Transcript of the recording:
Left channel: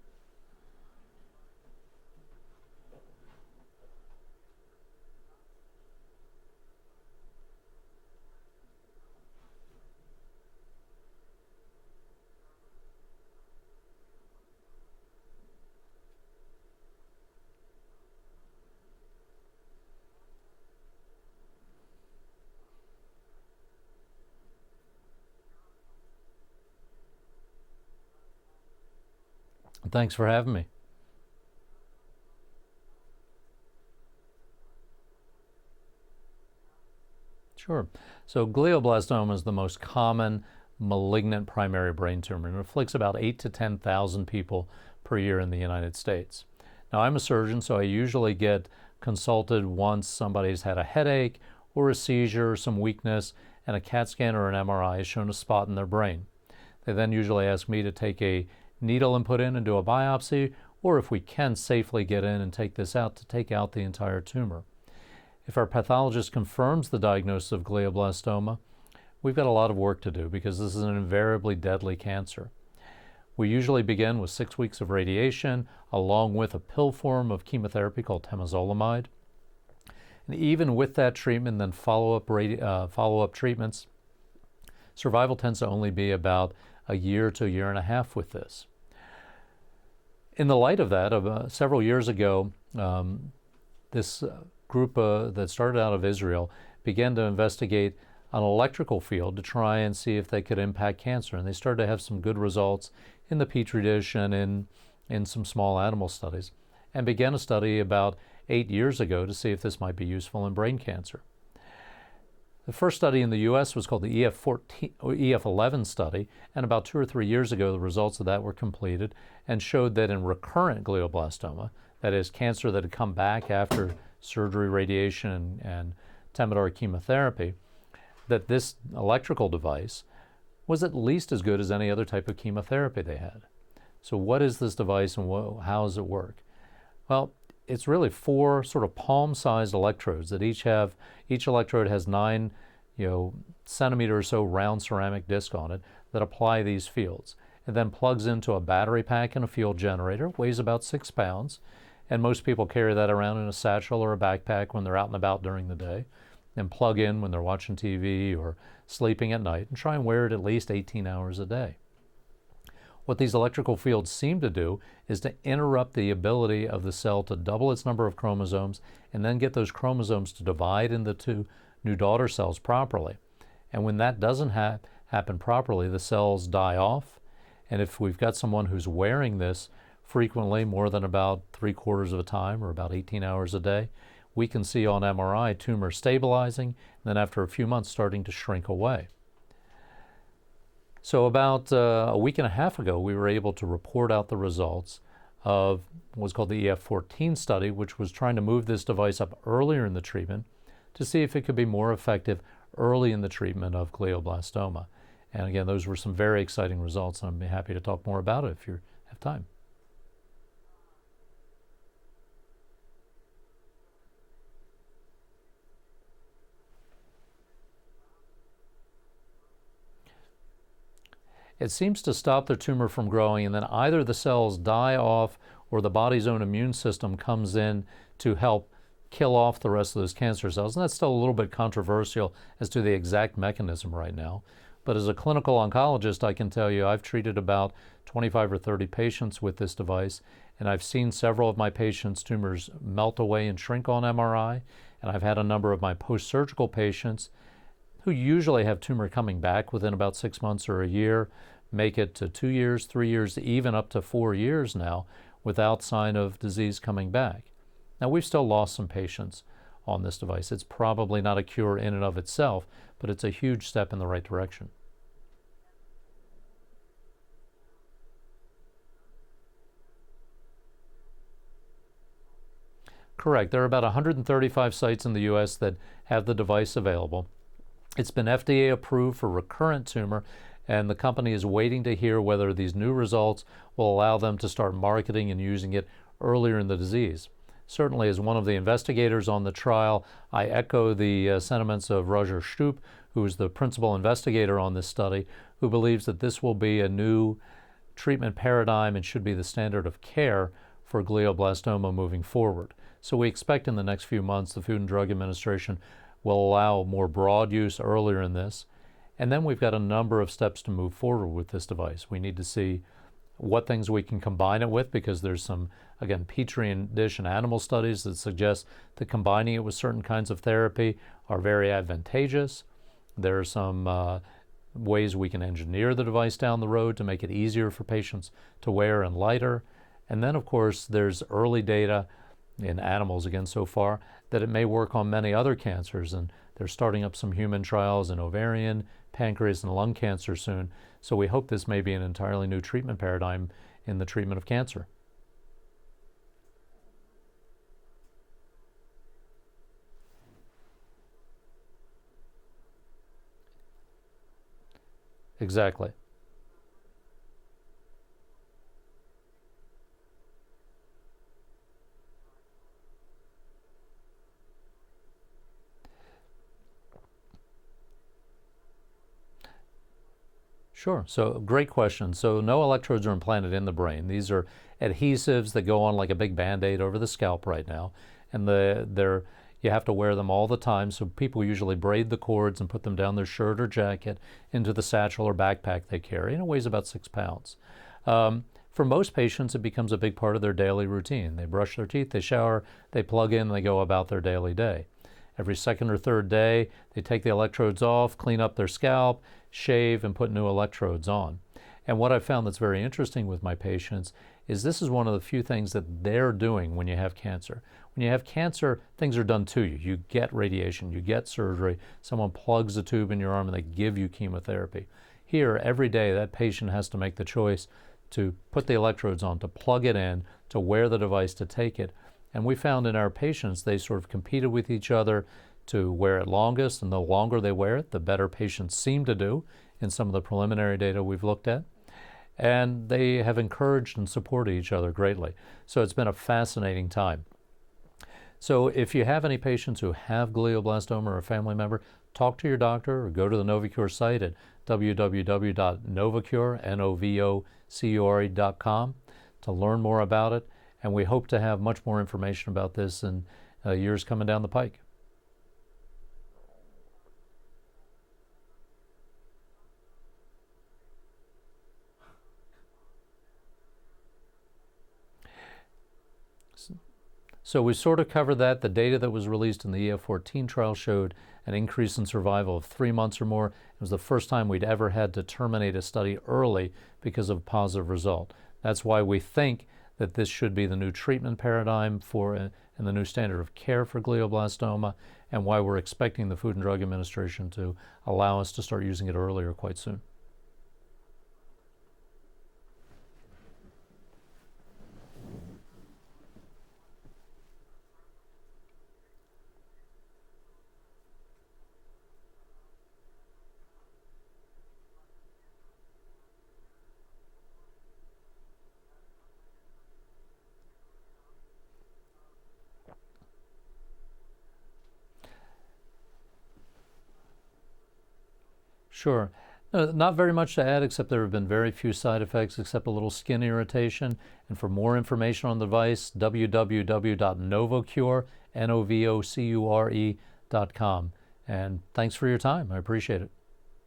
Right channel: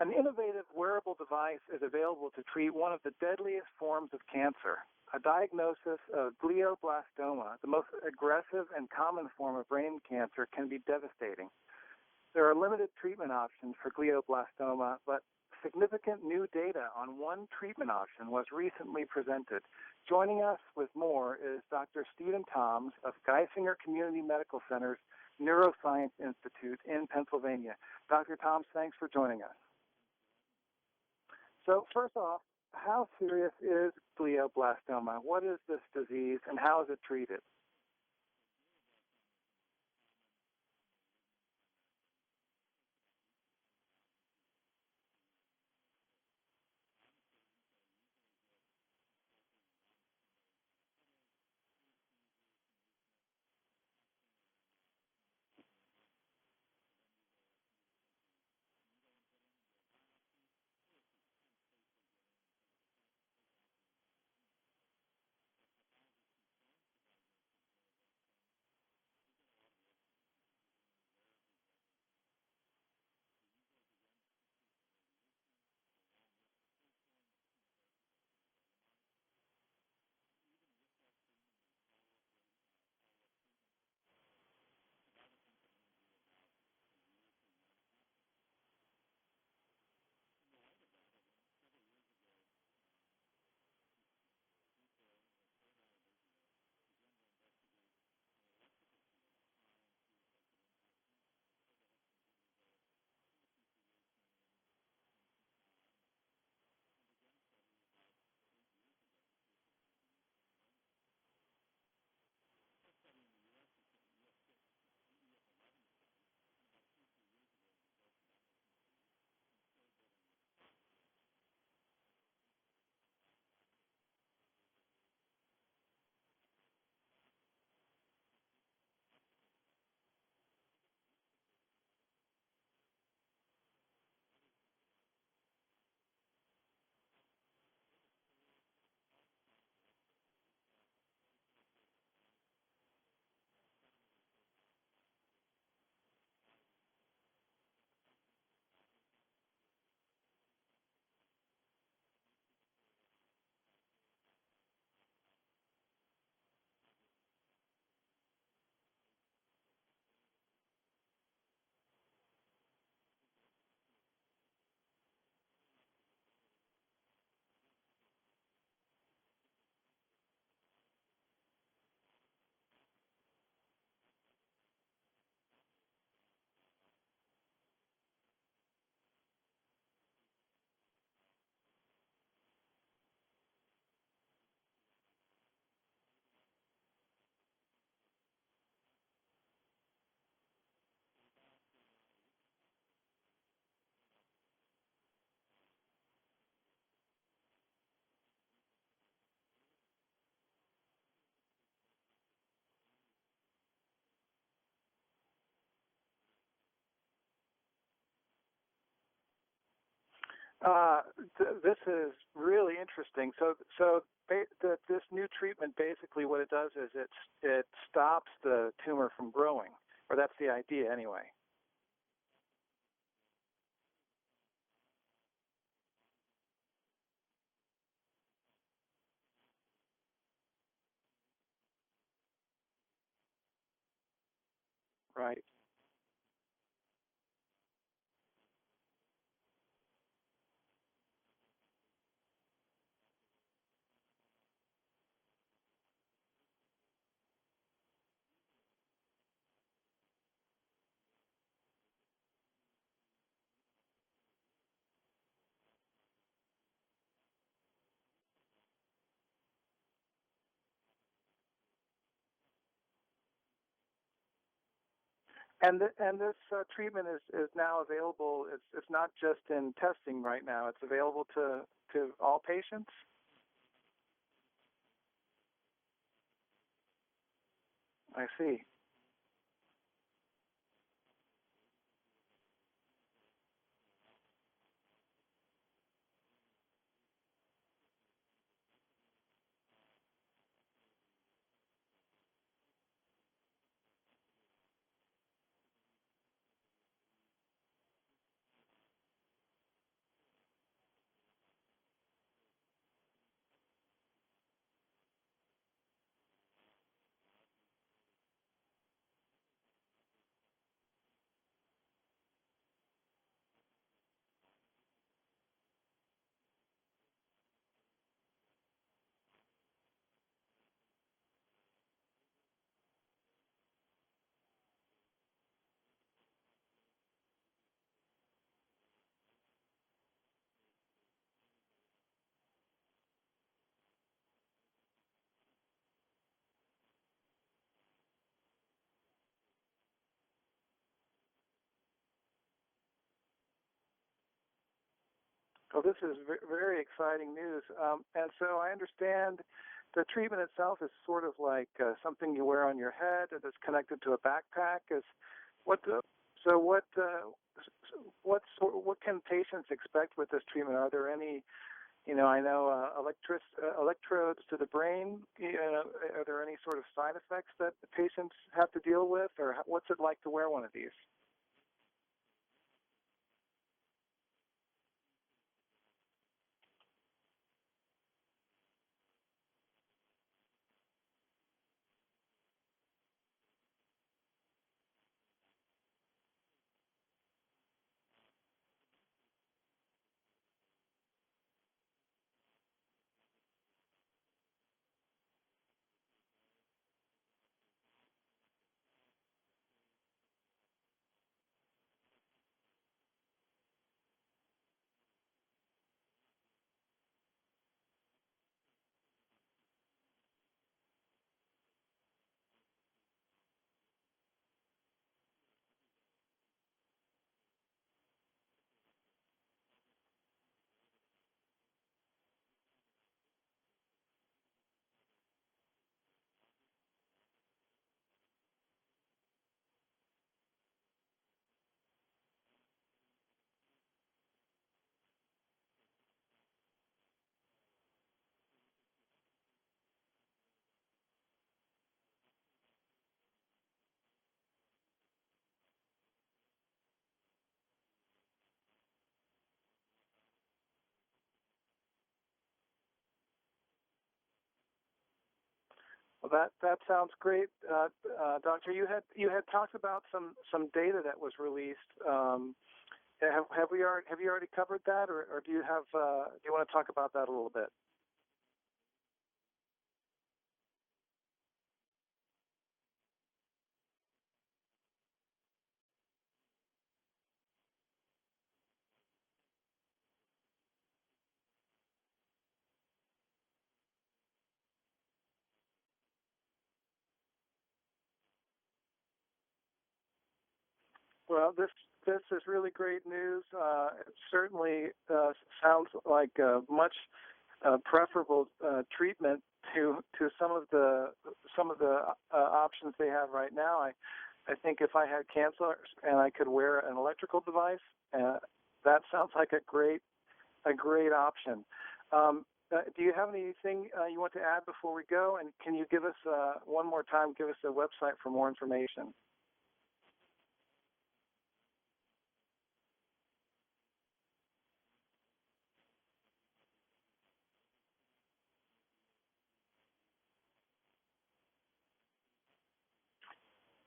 An innovative wearable device is available to treat one of the deadliest forms of cancer. A diagnosis of glioblastoma, the most aggressive and common form of brain cancer, can be devastating. There are limited treatment options for glioblastoma, but significant new data on one treatment option was recently presented. Joining us with more is Dr. Stephen Toms of Geisinger Community Medical Center's Neuroscience Institute in Pennsylvania. Dr. Toms, thanks for joining us. Thanks for having me. So first off, how serious is glioblastoma? What is this disease and how is it treated? Sure. So glioblastoma is the most common malignant primary brain tumor and afflicts about 8,000 to 10,000 people per year in the United States. Now, I'm a surgeon, so I usually get consulted once somebody's had a headache or a seizure, some weakness, and a CAT scan or an MRI has shown a spot in their brain. They then usually ask me to take a needle and put in and do a biopsy, or if we can safely get in and take this out, to take out the entire tumor. If our pathologist confirms the diagnosis of glioblastoma, we've got a lot of work to do because this is an invariably deadly cancer. We usually begin with 6 weeks of radiation along with a pill form of chemotherapy called temozolomide. And even with that treatment, then follow-up treatments, survival tends to only be about a year to a year and a half with this. In the light of that, several years ago, this group that started out of Israel began to investigate an electrical field to try and see if they could impact cancer. And they started to have some good results in the Petri dish and in some small animal studies, and began a study about 8 years ago to see if this might be useful in brain cancer. The first study in the U.S. was called the EF11 study, and about 2 or 3 years ago the results of that were completed and showed that in recurrent glioblastoma, that is cancer that had come back after surgery, radiation, and Temodar chemotherapy, that this electrical device was at least as good as any other type of chemotherapy they had. So what is this device and how does it work? Well, it's really 4 sort of palm-sized electrodes that each electrode has 9 centimeter or so round ceramic disc on it that apply these fields. It then plugs into a battery pack and a field generator, weighs about 6 pounds, and most people carry that around in a satchel or a backpack when they're out and about during the day, and plug in when they're watching TV or sleeping at night, and try and wear it at least 18 hours a day. What these electrical fields seem to do is to interrupt the ability of the cell to double its number of chromosomes and then get those chromosomes to divide into 2 new daughter cells properly. And when that doesn't happen properly, the cells die off. And if we've got someone who's wearing this frequently, more than about 3/4 of the time or about 18 hours a day, we can see on MRI tumor stabilizing, and then after a few months starting to shrink away. So about a week and a half ago, we were able to report out the results of what was called the EF14 study, which was trying to move this device up earlier in the treatment to see if it could be more effective early in the treatment of glioblastoma. And again, those were some very exciting results, and I'm happy to talk more about it if you have time. This is really interesting. So this new treatment, basically what it does is it stops the tumor from growing. Or that's the idea anyway. It seems to stop the tumor from growing, and then either the cells die off or the body's own immune system comes in to help kill off the rest of those cancer cells. And that's still a little bit controversial as to the exact mechanism right now. But as a clinical oncologist, I can tell you I've treated about 25 or 30 patients with this device, and I've seen several of my patients' tumors melt away and shrink on MRI, and I've had a number of my post-surgical patients who usually have tumor coming back within about 6 months or a year, make it to 2 years, 3 years, even up to 4 years now without sign of disease coming back. Now, we've still lost some patients on this device. It's probably not a cure in and of itself, but it's a huge step in the right direction. And this treatment is now available. It's not just in testing right now. It's available to all patients? Correct. There are about 135 sites in the U.S. that have the device available. It's been FDA approved for recurrent tumor, and the company is waiting to hear whether these new results will allow them to start marketing and using it earlier in the disease. Certainly, as one of the investigators on the trial, I echo the sentiments of Roger Stupp, who is the principal investigator on this study, who believes that this will be a new treatment paradigm and should be the standard of care for glioblastoma moving forward. So we expect in the next few months the Food and Drug Administration will allow more broad use earlier in this. And then we've got a number of steps to move forward with this device. We need to see what things we can combine it with, because there's some, again, Petri dish and animal studies that suggest that combining it with certain kinds of therapy are very advantageous. There are some ways we can engineer the device down the road to make it easier for patients to wear and lighter. And then, of course, there's early data in animals, again, so far, that it may work on many other cancers. And they're starting up some human trials in ovarian, pancreas, and lung cancer soon. So we hope this may be an entirely new treatment paradigm in the treatment of cancer. Well, this is very exciting news. And so I understand the treatment itself is sort of like something you wear on your head that's connected to a backpack. Exactly. So what can patients expect with this treatment? Are there any, I know electrodes to the brain. Are there any sort of side effects that the patients have to deal with, or what's it like to wear one of these? Sure. So great question. So no electrodes are implanted in the brain. These are adhesives that go on like a big Band-Aid over the scalp right now, and you have to wear them all the time. So people usually braid the cords and put them down their shirt or jacket into the satchel or backpack they carry, and it weighs about 6 pounds. For most patients, it becomes a big part of their daily routine. They brush their teeth, they shower, they plug in, they go about their daily day. Every second or third day, they take the electrodes off, clean up their scalp, shave, and put new electrodes on. And what I've found that's very interesting with my patients is this is one of the few things that they're doing when you have cancer. When you have cancer, things are done to you. You get radiation, you get surgery, someone plugs a tube in your arm and they give you chemotherapy. Here, every day, that patient has to make the choice to put the electrodes on, to plug it in, to wear the device, to take it. And we found in our patients, they sort of competed with each other to wear it longest, and the longer they wear it, the better patients seem to do in some of the preliminary data we've looked at. And they have encouraged and supported each other greatly. So it's been a fascinating time. So if you have any patients who have glioblastoma or a family member, talk to your doctor or go to the Novocure site at www.novocure.com to learn more about it. And we hope to have much more information about this in years coming down the pike. Well, that sounds great, Doctor. You had talked about some data that was released. Have you already covered that, or do you want to talk about that a little bit? So we sort of covered that. The data that was released in the EF14 trial showed an increase in survival of 3 months or more. It was the first time we'd ever had to terminate a study early because of a positive result. That's why we think that this should be the new treatment paradigm and the new standard of care for glioblastoma, and why we're expecting the Food and Drug Administration to allow us to start using it earlier quite soon. Well, this is really great news. It certainly sounds like a much preferable treatment to some of the options they have right now. I think if I had cancer and I could wear an electrical device, that sounds like a great option. Do you have anything you want to add before we go? And can you give us one more time? Give us a website for more information. Sure. Not very much to add, except there have been very few side effects, except a little skin irritation. And for more information on the device, www.novocure.com. And thanks for your time. I appreciate it.